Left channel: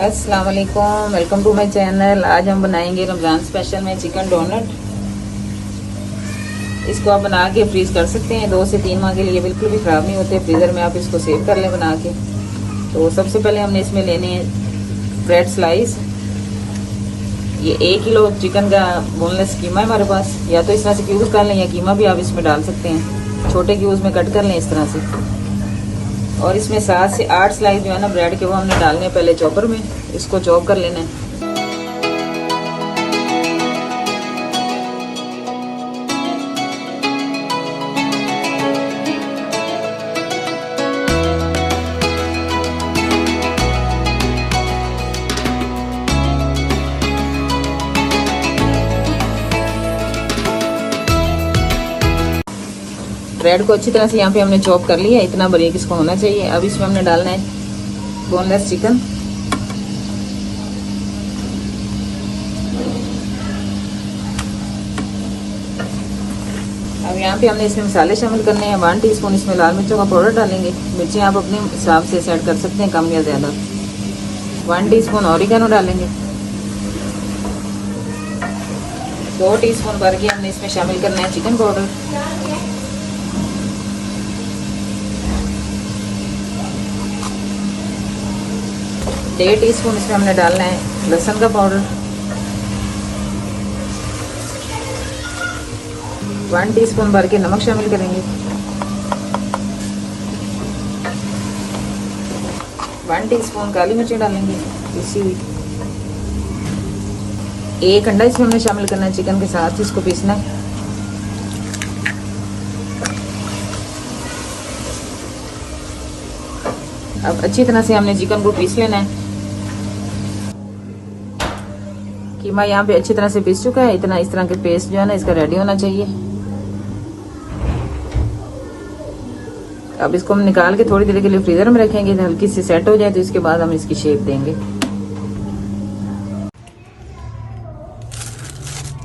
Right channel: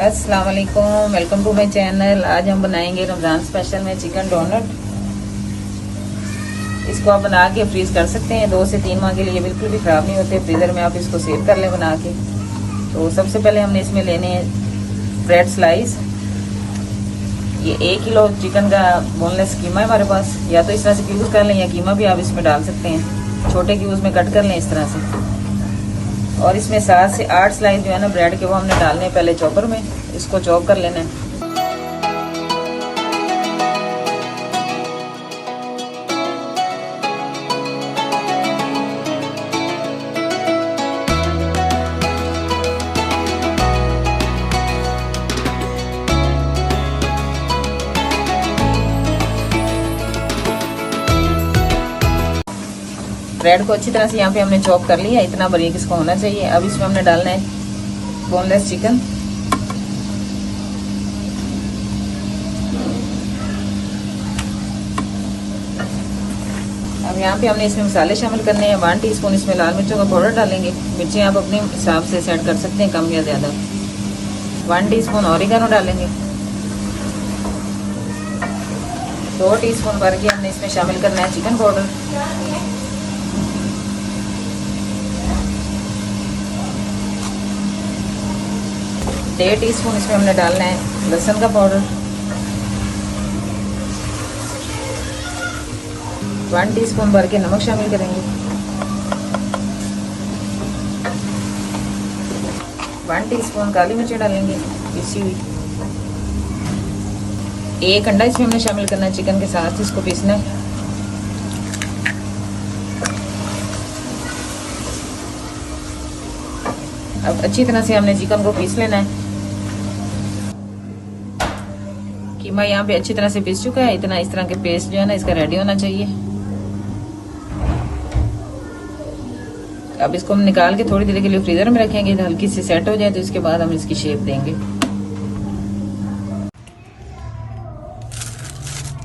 अस्सलाम वालेकुम, welcome to my channel. आज हम बनाएंगे रमज़ान स्पेशल में चिकन डोनट। इसको आप बना के फ्रीज कर सकते हैं 2 से 3 माह के लिए, बिल्कुल भी ख़राब नहीं होते। फ्रीज़र में आप इसको सेव कर लें बना के। तो सबसे पहले हमने इसमें लेने हैं ब्रेड स्लाइस। ये 1 किलो चिकन का बोनलेस कीमा है हमारे पास। या तो इस तरह से क्यूब्स कर लें या कीमा भी आप इसमें डाल सकते हैं। छोटे क्यूब्स में कट कर लें इस तरह से। और इसमें 7 से 8 स्लाइस जो है ना ब्रेड के, वो हमने डालने हैं पहले चॉपर में। इसको चॉप कर लेना है। ब्रेड को अच्छी तरह से यहाँ पे हमने चॉप कर लिया, इतना बारीक इसको होना चाहिए। अब इसमें हमने डालना है बोनलेस चिकन। अब यहाँ पे हमने इसमें मसाले शामिल करने हैं। 1 टीस्पून इसमें लाल मिर्चों का पाउडर डालेंगे। मिर्चें आप अपने हिसाब से सेट कर सकते हैं, कम या ज़्यादा। 1 टीस्पून ऑरिगेनो डालेंगे। 2 टीस्पून भर के हमने इसमें शामिल करना है चिकन पाउडर। 1.5 टीस्पून इसमें हमने डालना है लहसुन का पाउडर। 1 टीस्पून भर के नमक शामिल करेंगे। 1 टीस्पून काली मिर्ची डालेंगे पीसी हुई। 1 अंडा इसमें हमने शामिल करना है चिकन के साथ, इसको पीसना है। अब अच्छी तरह से हमने चिकन को पीस लेना है। कीमा यहाँ पे अच्छी तरह से पीस चुका है। इतना इस तरह के पेस्ट जो है ना इसका रेडी होना चाहिए। अब इसको हम निकाल के थोड़ी देर के लिए फ्रीजर में रखेंगे, हल्की सी सेट हो जाए तो इसके बाद हम इसकी शेप देंगे।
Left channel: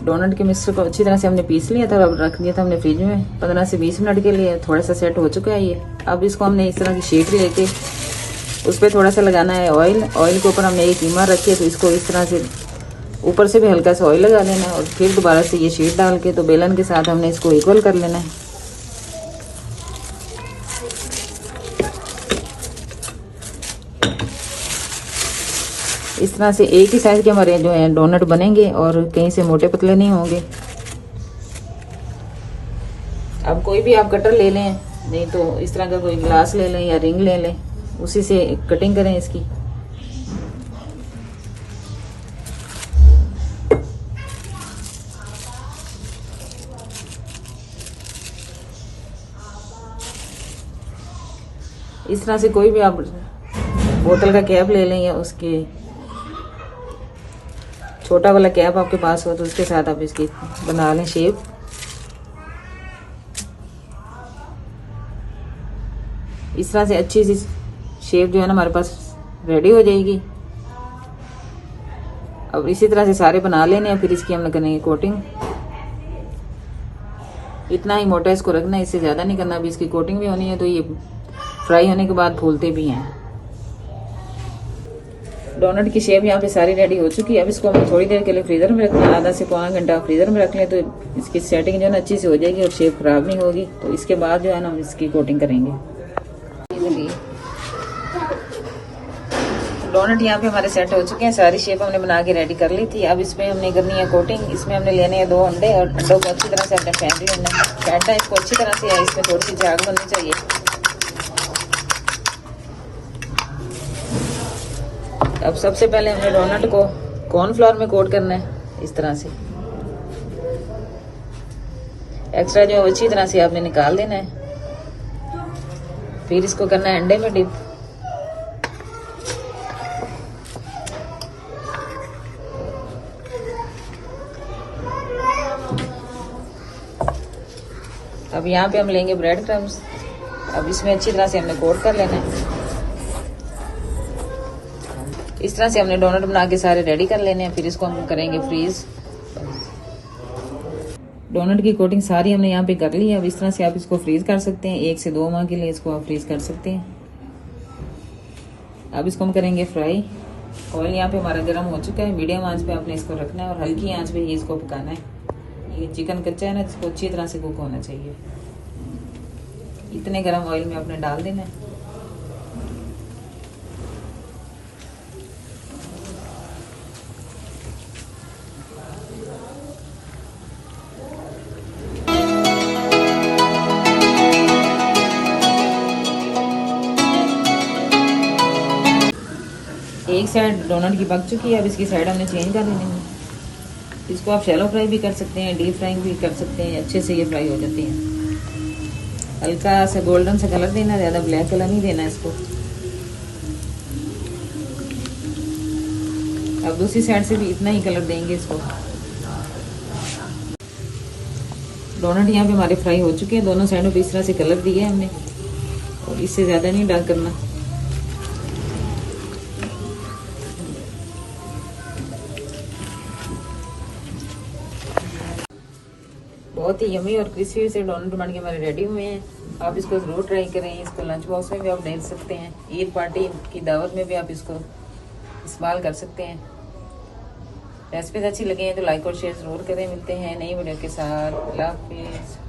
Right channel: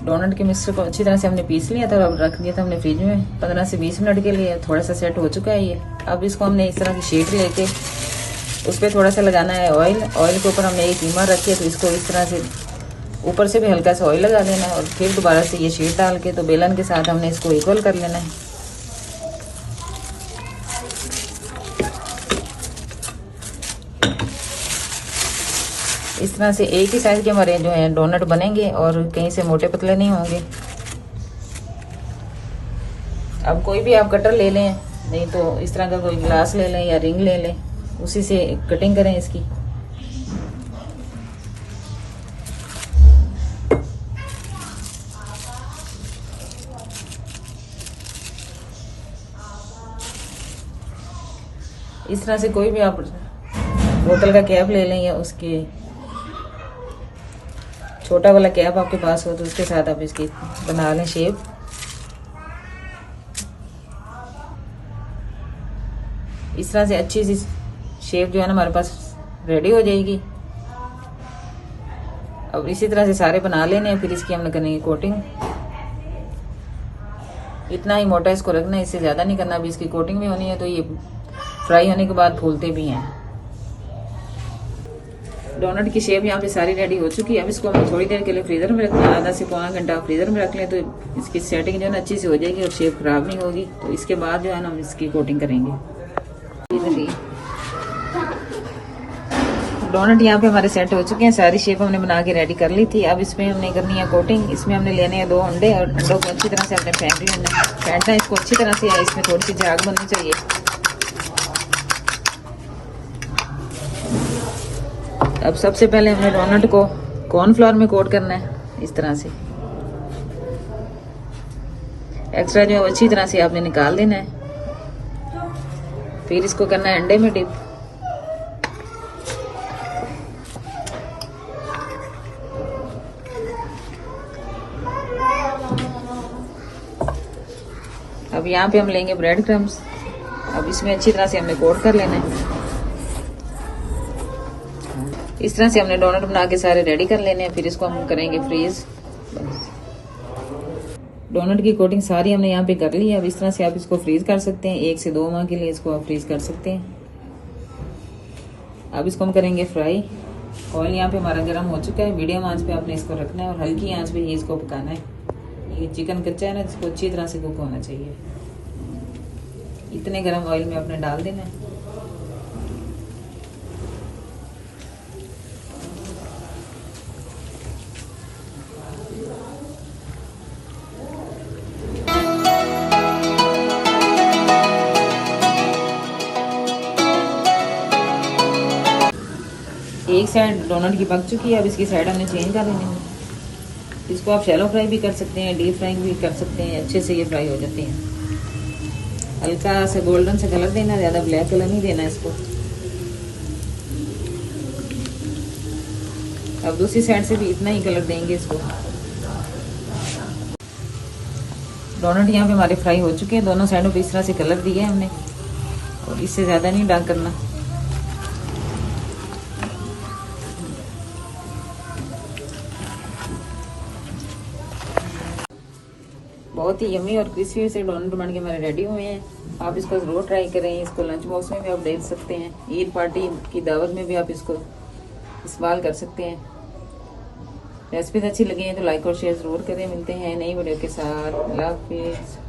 डोनट के मिक्सचर को अच्छी तरह से हमने पीस लिया था, अब रख दिया था हमने फ्रिज में 15 से 20 मिनट के लिए। थोड़ा सा सेट हो चुका है ये। अब इसको हमने इस तरह की शेप लेके उस पर थोड़ा सा लगाना है ऑयल। ऑयल के ऊपर हमने ये कीमा रखी, तो इसको इस तरह से ऊपर से भी हल्का सा ऑयल लगा देना है। और फिर दोबारा से ये शीट डाल के तो बेलन के साथ हमने इसको इक्वल कर लेना है। इस तरह से एक ही साइज के हमारे जो है डोनट बनेंगे और कहीं से मोटे पतले नहीं होंगे। अब कोई भी आप कटर ले लें, नहीं तो इस तरह का कोई ग्लास ले लें या रिंग ले लें, उसी से कटिंग करें इसकी। इस तरह से कोई भी आप बोतल का कैप ले लें या उसके छोटा वाला कैप आपके पास हो तो उसके साथ आप इसकी बना लें शेप। इस तरह से अच्छी सी शेप जो है ना हमारे पास रेडी हो जाएगी। अब इसी तरह से सारे बना लेने हैं। फिर इसकी हम करेंगे कोटिंग। इतना ही मोटा इसको रखना है, इससे ज़्यादा नहीं करना। अभी इसकी कोटिंग भी होनी है तो ये फ्राई होने के बाद फूलते भी हैं। डोनट की शेप यहाँ पे सारी रेडी हो चुकी है। अब इसको हम थोड़ी देर के लिए फ्रीजर में रखना है। आधा से पौना घंटा फ्रीजर में रख लें तो इसकी सेटिंग जो है ना अच्छी से हो जाएगी और शेप खराब नहीं होगी। तो इसके बाद जो है ना हम इसकी कोटिंग करेंगे। डोनट यहाँ पे हमारे सेट हो चुके हैं। सारी शेप हमने बना के रेडी कर ली थी। अब इसमें हमने करनी है कोटिंग। इसमें हमने लेने हैं 2 अंडे और अंडों को अच्छी तरह से हमने फेंटना है। इसको अच्छी तरह से है, इसमें थोड़ी सी झाग बननी चाहिए। अब सबसे पहले हमें डोनट को कॉर्नफ्लोर में कोट करना है इस तरह से। एक्स्ट्रा जो अच्छी तरह से आपने निकाल देना है। फिर इसको करना है अंडे में डिप। अब यहाँ पे हम लेंगे ब्रेड क्रम्स। अब इसमें अच्छी तरह से हमने कोट कर लेना है। इस तरह से हमने डोनट बना के सारे रेडी कर लेने हैं। फिर इसको हम करेंगे फ्रीज। डोनट की कोटिंग सारी हमने यहाँ पे कर ली है। अब इस तरह से आप इसको फ्रीज कर सकते हैं, 1 से 2 माह के लिए इसको आप फ्रीज कर सकते हैं। अब इसको हम करेंगे फ्राई। ऑयल यहाँ पे हमारा गर्म हो चुका है। मीडियम आंच पे आपने इसको रखना है और हल्की आंच पे ही इसको पकाना है। ये चिकन कच्चा है ना, इसको अच्छी तरह से कुक होना चाहिए। इतने गर्म ऑयल में आपने डाल देना है। एक साइड डोनट की पक चुकी है, अब इसकी साइड हमने चेंज कर लेनी है। इसको आप शैलो फ्राई भी कर सकते हैं, डीप फ्राइंग भी कर सकते हैं, अच्छे से ये फ्राई हो जाती हैं। हल्का सा गोल्डन सा कलर देना, ज़्यादा ब्लैक कलर नहीं देना इसको। अब दूसरी साइड से भी इतना ही कलर देंगे इसको। डोनट यहाँ पे हमारे फ्राई हो चुके हैं, दोनों साइडों पे इस तरह से कलर दिया है हमने, और इससे ज़्यादा नहीं डार्क करना। बहुत ही यमी और क्रिस्पी से डोनट बन के हमारे रेडी हुए हैं। आप इसको ज़रूर ट्राई करें। इसको लंच बॉक्स में भी आप दे सकते हैं, ईद पार्टी की दावत में भी आप इसको इस्तेमाल कर सकते हैं। रेसिपीज अच्छी लगी हैं तो लाइक और शेयर ज़रूर करें। मिलते हैं नई वीडियो के साथ। अल्लाह हाफिज़।